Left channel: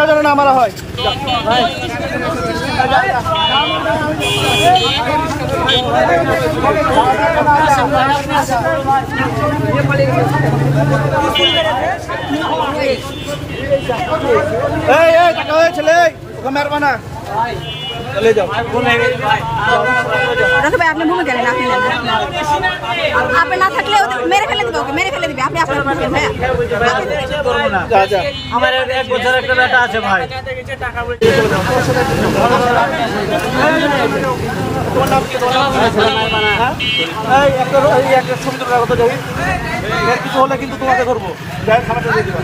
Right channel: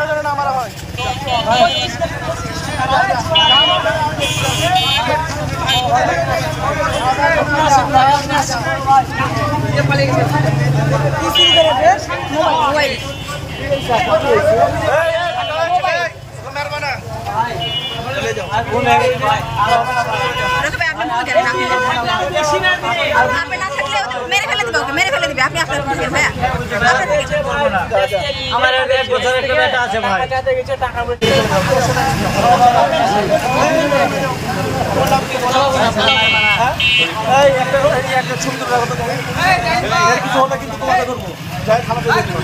একটা যেন না মারা হয়। আপনি ভুলে গেলেন, আপনি না থাকলে মেরে ফেলে দিবে, ওকে মেরে ফেলে দিবে। আপনি আপনার ভাইয়া আমার 1 বছর একটা বেটা আছে ভাই। একটা সুন্দর কথা দেই, এর কিছু হলে কিন্তু তোমাকে করবো। যাই থানাতে দেখবো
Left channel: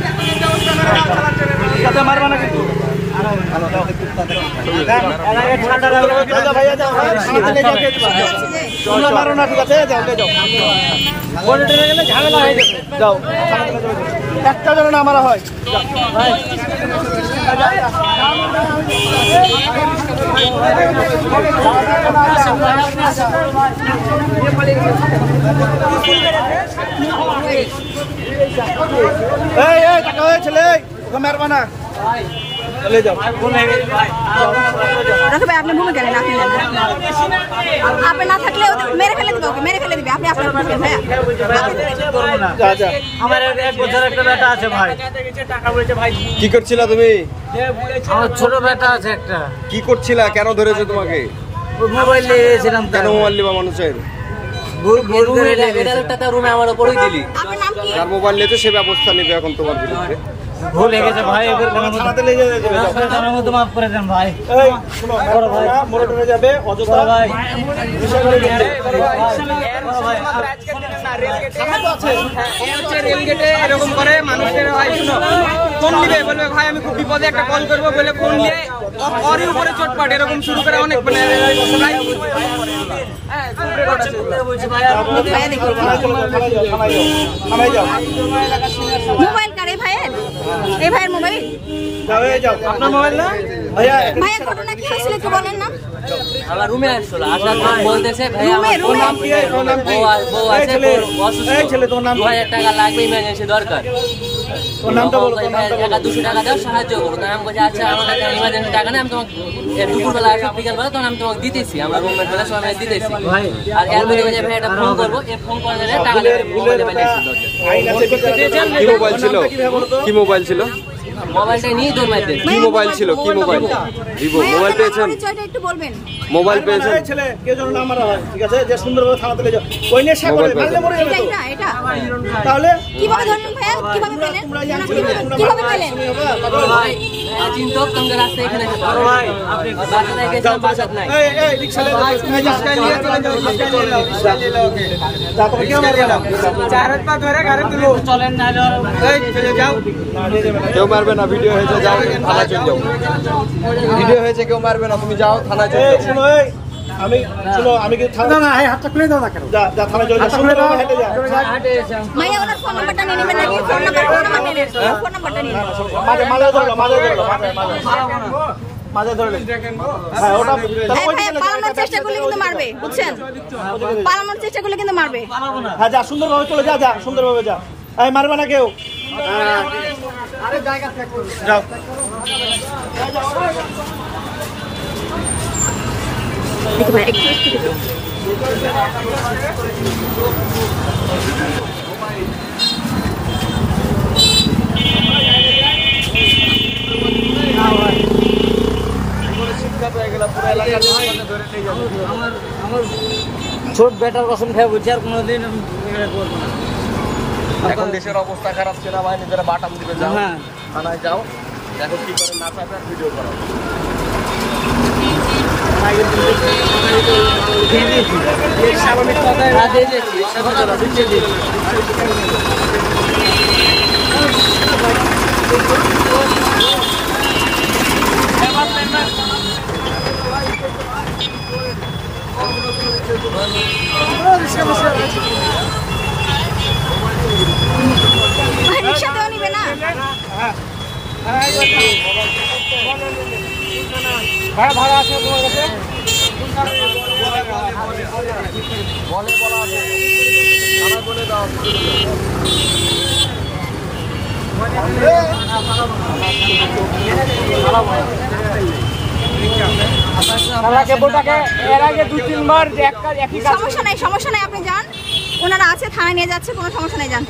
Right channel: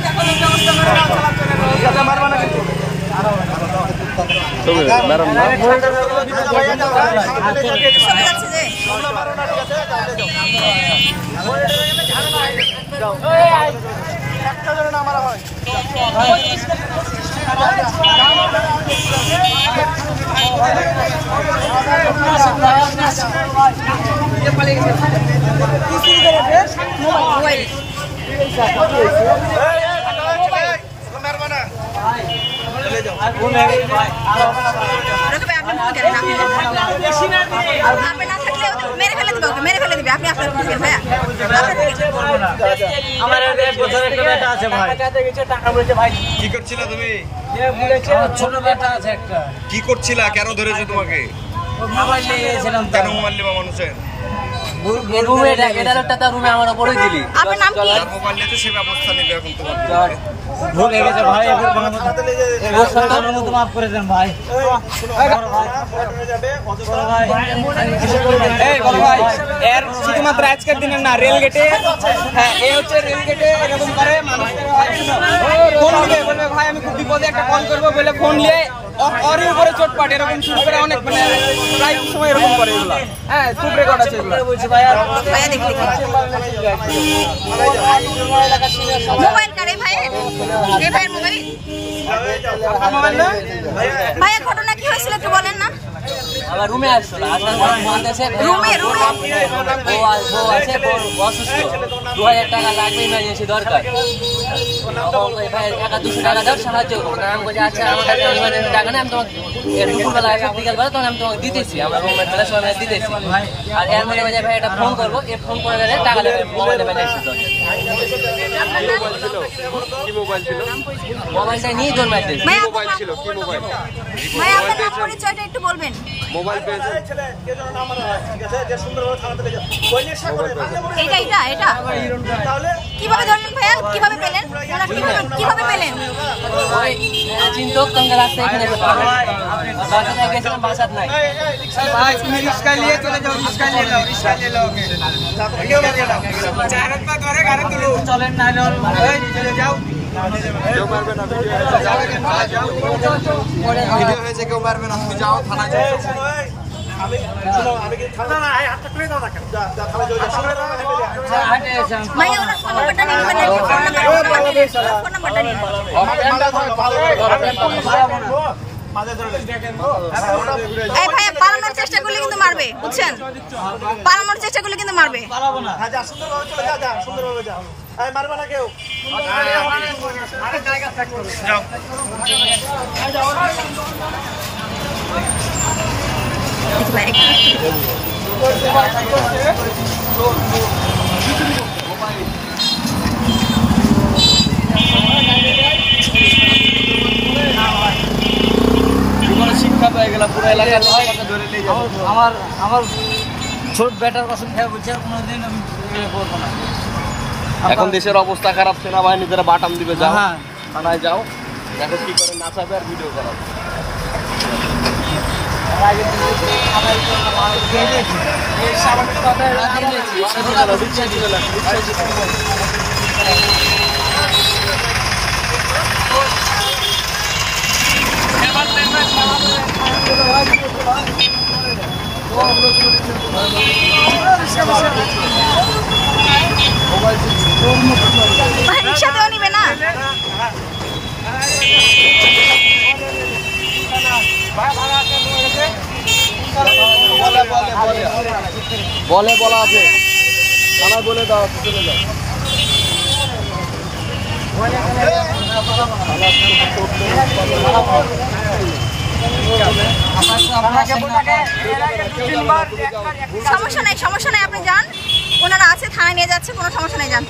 মারবো না কিন্তু। একটা যেন না মারা হয়। মারবা না আপনি ভুলে গেলেন, আপনি না থাকলে মেরে ফেলে দিবে, ওকে মেরে ফেলে দিবে। আপনি আপনার ভাইয়া আমার 1 বছর একটা বেটা আছে ভাই। কি করছিলা তুমি? আমার ছোট বেটা আছে একটা। কি করছিলা? কেন ধরেছে তোমাকে? মোবাইল নিয়ে গেছিলাম। কেন মোবাইল নেবা মানুষের? রুমে আমার উপরেই দিলি। আপনার নাম কি? যার মোবাইল নিতে সে ব্যবস্থা নিবে এখন তোমার বিরুদ্ধে। ভুল হয়ে গেছে ভাই, মাফ করে দেন ভাই। শুধুমাত্র আজকের দিনে না, রেলগেটে রেলগেটে এরকম করে মানুষের ফোন নিবে, বলবে ভাই আমি খুব বিপদে, একটা কল করবো বলে ফোন নিয়ে ওরই উপরে চোটপাট এরকম শুরু করে অনেক, মানে মোবাইল কার এই ভাইয়ের? এই ভাইয়ের মোবাইল? ভাইয়া ঘটনা কি হয়েছিল একটু বলেন না। আমার রুমে আসছিল, আসার পর বলতেছে বউ আছে, অসুস্থ, 2000 টাকা লাগবে, ইমার্জেন্সি দরকার। ভাই 200 টাকা দাও, সাহায্য করো। আমি বলছি আচ্ছা আমার কাছে ইমার্জেন্সি টাকা নেই, আমি তোমাকে দুপুরবেলা আসা বিকালবেলা তখন আমি তোমাকে দিতেছি, আমরা রুমমেট বেলা সবাই দিতেছি। আর এর মধ্যে ভাই একটা ফোন করবো, ফোন করে নিলে টাকা দেবে, মোবাইলে পাইলে এসে দরকার। কি মোবাইল ছিল? মোবাইলটা নিয়ে তোর মাইতে। কি মোবাইল ছিল? কি মোবাইল? ভাই আপনার নাম পরিচয়টা একটু বলবেন। মোবাইল পেয়েছে ছেলে কে যেন না মারা হয়, ঠিক আছে? যে সুন্দরভাবে থানাতে নিয়ে যাও, ওই নেশা করে মারলে মরে এটা তাহলে কিভাবে ধরলেন ভাইয়া? কিভাবে পেলেন? ওনা কিভাবে পেলেন? ওই চিন্তক তোমাকে রাস্তা এখানে এসে পাবে। আর বাসায় গেছিলাম, বাসাত নাই। ভাই তুমি রিস্কা নিয়ে চলে যাও, রিস্কা নিয়ে নাও, রিস্কা নিয়ে নাও। যা তুমি কেউ মারবে না, চার হাত পা ধরে গাড়ি তুলো, চলেন না এই চলে যাও। কেউ মারবে না, ভিডিও হয়েছে, যাবে কেন থানায় যাও। ভিডিও হয়েছে, কেউ মারবে না, তুমি যাও থানায় যাও। আমি শুনো, আমি কি থানা না, হাতটা খুলে দাও না কেন? যা যা থানায় যাও, সামনে দাও, হেঁটে যাও। ভাইয়া ওনার ফোন নাম্বারটা নিয়ে নেবেন নাকি? ফোন নাম্বার নিয়ে নেন, ফোন নাম্বারটা নিয়ে নেন। এই ভাইয়া পালানোর চেষ্টা করলে কিন্তু মারবে, বুঝছেন? পালানোর চেষ্টা করলে কিন্তু মারবে। হ্যাঁ যা, সুন্দরভাবে চলে যা, যা সুন্দরভাবে যা। এই মারবে না কেউ। যাও ভাই একটু শিক্ষা পেয়ে গেলাম পুরো এলাকার। আমার ছোট বেটার কসম খেয়ে বলছি, আর কোনোদিন আমি করবো না। এখন দেশের অবস্থা খারাপ, সেনাবাহিনী যারা বাটাম দিবে, যাও থানায় যাও, দেখো কি করে নাচাবে আর ভিডিও করো। স্বাভাবিক কথায় ভাই রিক্সাতেও নিবে না? বলে বলা আছে, বলে দাও। সমস্যা নাই আপনি যান, ওনারা আছে থানায় নিয়ে যাচ্ছে, কোনো সমস্যা নাই, যান।